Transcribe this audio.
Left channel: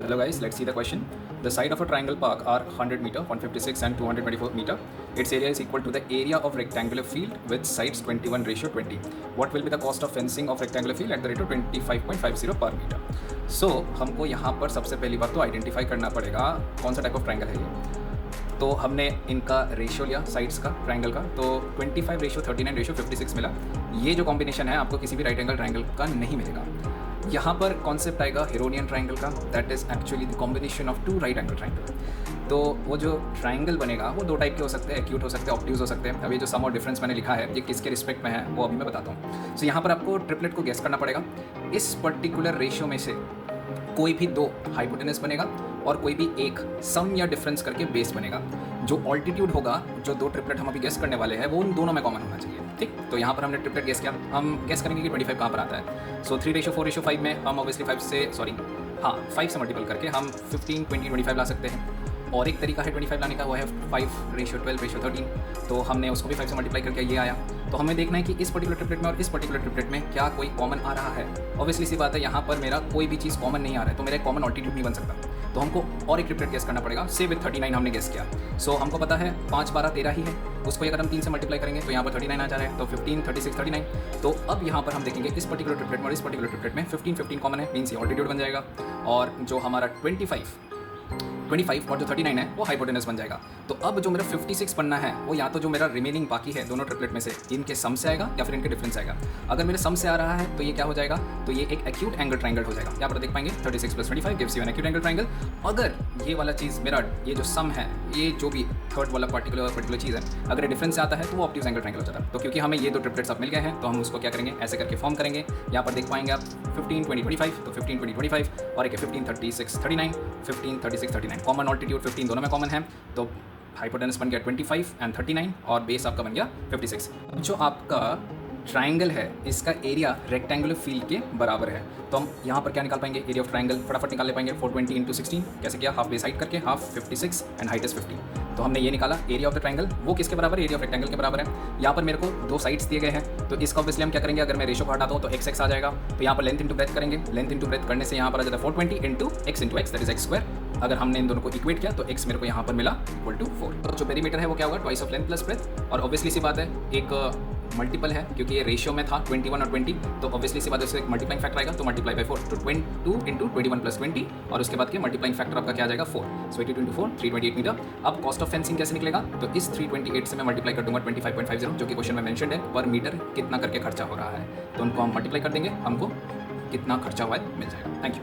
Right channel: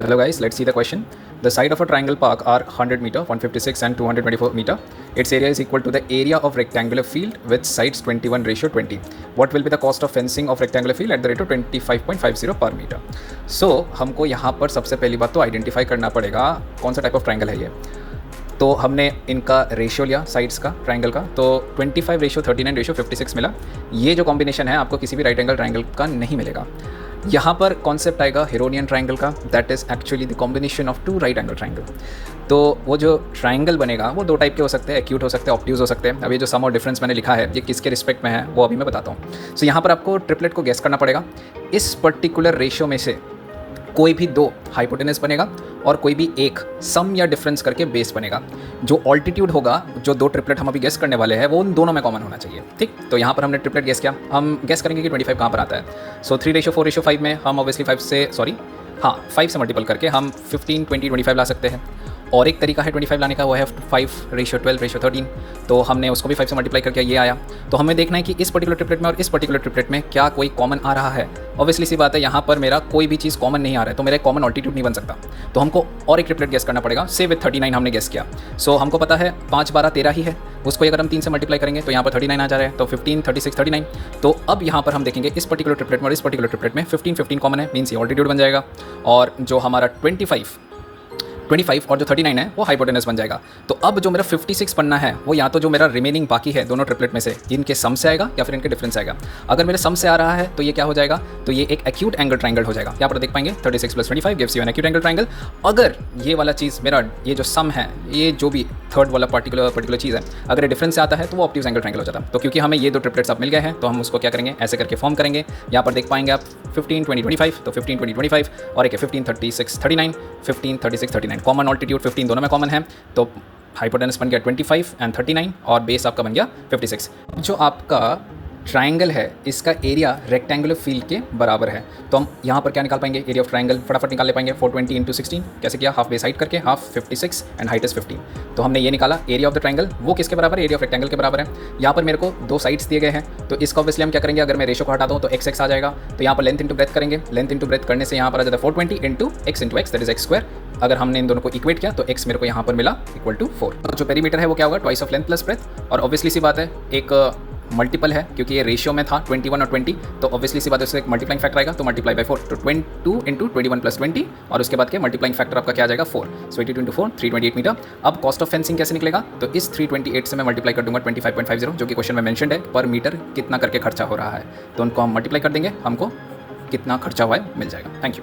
Hello guys, let's see the question. The side of a triangle park are 100 meter, 156 and 224 meter. Its area is equal to the area of rectangular field with sides 21:20. What will be the cost of fencing of rectangular field at the rate of 25.50 per meter? So हमको यहाँ पर सबसे पहली बात तो identify करना पड़ेगा कौन सा टाइप ऑफ ट्राइंगल है ये। तो हमने इनका रेशियो लिया साइड्स का ट्राइंगल का, तो 25:39:56 मिला। ये जो कॉम्बिनेशन है आपको किसी भी राइट एंगल ट्राइंगल का नहीं मिलेगा। यहाँ पर कॉन्सेप्ट आएगा हेरोनियन ट्राइंगल का, that is actually the combination of two right angle triangle. तो वो जो ट्राइंगल बनेगा वो दो टाइप के हो सकते हैं, एक्यूट हो सकते हैं, ऑब्ट्यूज हो सकते हैं। अभी जो सम और डिफरेंस मैंने लिखा है ये किसके रिस्पेक्ट में है वो अभी मैं बताता हूँ। सो यहाँ पर आपको ट्रिपलेट को गेस करना पड़ेगा। इस पर्टिकुलर रेशियो में से कोई भी दो हाइपोटेनस बनेगा और कोई भी एक सम या डिफरेंस करके बेस बनेगा। जो ऑल्टीट्यूड होगा, जो दो ट्रिपलेट हम अभी गेस करने वाले हैं, वो उन दोनों में कॉमन होना चाहिए। ठीक, तो यहाँ पर हमने ट्रिपलेट गेस किया। हम गेस करेंगे कि 25 कहाँ पर आता है। सो 3:4:5 में हम ऑब्वियसली 5 से मल्टीपल करके हम 15, 20, 25 ला सकते हैं। और एक तरीका है 25 लाने का, वो है 5:12:13। तो हमने उसको भी 5 से मल्टीप्लाई करके ये आया। तो हमें देखना है कि इस पर्टिकुलर ट्रिपलेट में और इस पर्टिकुलर ट्रिपलेट में क्या कोई कॉमन आ रहा है। ऑब्वियसली सी बात है, यहाँ पर मेरा कोई भी चीज़ कॉमन नहीं आ रहा है, तो मेरा एक कॉमन ऑल्टीट्यूड नहीं बन सकता। तो हमको और एक ट्रिपलेट गेस करना पड़ेगा। से विद 39 हमने गेस किया। सो हमको पता है 5, 12, 13 ही है। उसको अगर हम 3 से मल्टीप्लाई करेंगे तो यहाँ पर 39 आ जा रहा है। तो 15, 36, 39। तो अब यहाँ पर हम देखेंगे इस पर्टिकुलर ट्रिपलेट में और इस पर्टिकुलर ट्रिपलेट में 15 कॉमन है, मीन्स ये ऑल्टीट्यूड बन जाएगा। और जो हमारा 25 और जो 39 है वो हाइपोटेनस बन जाएगा। तो अब जो मेरा 56 बनना है वो या तो जो मेरा रिमेनिंग बाकी है दोनों ट्रिपलेट में से इनके सम से आएगा या फिर इनके डिफरेंस आएगा। अगर मेरे सम से आ रहा है तो ये क्या हो जाएगा, तो ये एक एक्यूट एंगल ट्राइंगल हो जाएगा। यहाँ पर देख पाएंगे 36 + 25 gives you an acute angle triangle. अगर ये वाला चीज़ मेरा ये जो सम है, ये जो भी थर्ड वाला पर्टिकुलर चीज़ है, अगर ये डिफरेंस से आता है तो वो ऑब्ट्यूज एंगल ट्राइंगल हो जाता है। तो क्योंकि हमें ये दो ट्रिपलेट्स अब मिल गए हैं तो हम उसको क्या करेंगे, ऐसे करके फॉर्म करेंगे। यहाँ पर देख पाएंगे आप 15, 20, 25। तो 15, 20, 25 और एक है 15, 36, 39। 15, 36, 39 कॉमन ऑल्टीट्यूड 15 दोनों में कॉमन है। तो हाइपोटेनस बन गया 25 एंड 39 और बेस आपका बन गया 56। जो आपका ट्राइंगल है इसका एरिया रेक्टेंगुलर फील्ड के बराबर है। तो हम यहाँ पर क्या निकाल पाएंगे, एरिया ऑफ ट्राइंगल फटाफट निकाल ले पाएंगे। 420 × 16 कैसे किया, हाफ बेस हाइट करके, हाफ 56 एंड हाइट इज 15। तो हमने ये निकाला एरिया ऑफ द ट्राइंगल, वो किसके बराबर है, एरिया ऑफ रेक्टेंगल के बराबर है। यहाँ पर मेरे को दो साइड्स दिए गए हैं, तो इसको ऑब्वियसली हम क्या करेंगे, अगर मैं रेशो को हटाता हूँ तो x आ जाएगा। तो यहाँ पर लेंथ इंटू ब्रेथ करेंगे। लेंथ इंटू ब्रेथ करने से यहाँ पर आ जाता है 420 × x × x that is x²। अगर हमने इन दोनों को इक्वेट किया तो x मेरे को यहाँ पर मिला इक्वल टू 4। तो जो पेरीमीटर है वो क्या होगा, twice of length plus breadth. और ऑब्वियसली सी बात है एक मल्टीपल है क्योंकि ये रेशियो में था 21 और 20, तो ऑब्वियसली सी बात है उससे एक मल्टीप्लाइंग फैक्टर आएगा, तो मल्टीप्लाई बाय 4। तो 22 × 21 + 20 और उसके बाद के मल्टीप्लाइंग फैक्टर आपका क्या आ जाएगा 4। सो 82 × 4 328 मीटर। अब कॉस्ट ऑफ फेंसिंग कैसे निकलेगा, तो इस 328 से मैं मल्टीप्लाई कर दूंगा 25.50 जो कि क्वेश्चन में मेंशन्ड है, पर मीटर कितना करके खर्चा हो रहा है। तो उनको हम मल्टीप्लाई कर देंगे, हमको कितना खर्चा हुआ है मिल जाएगा। Thank you.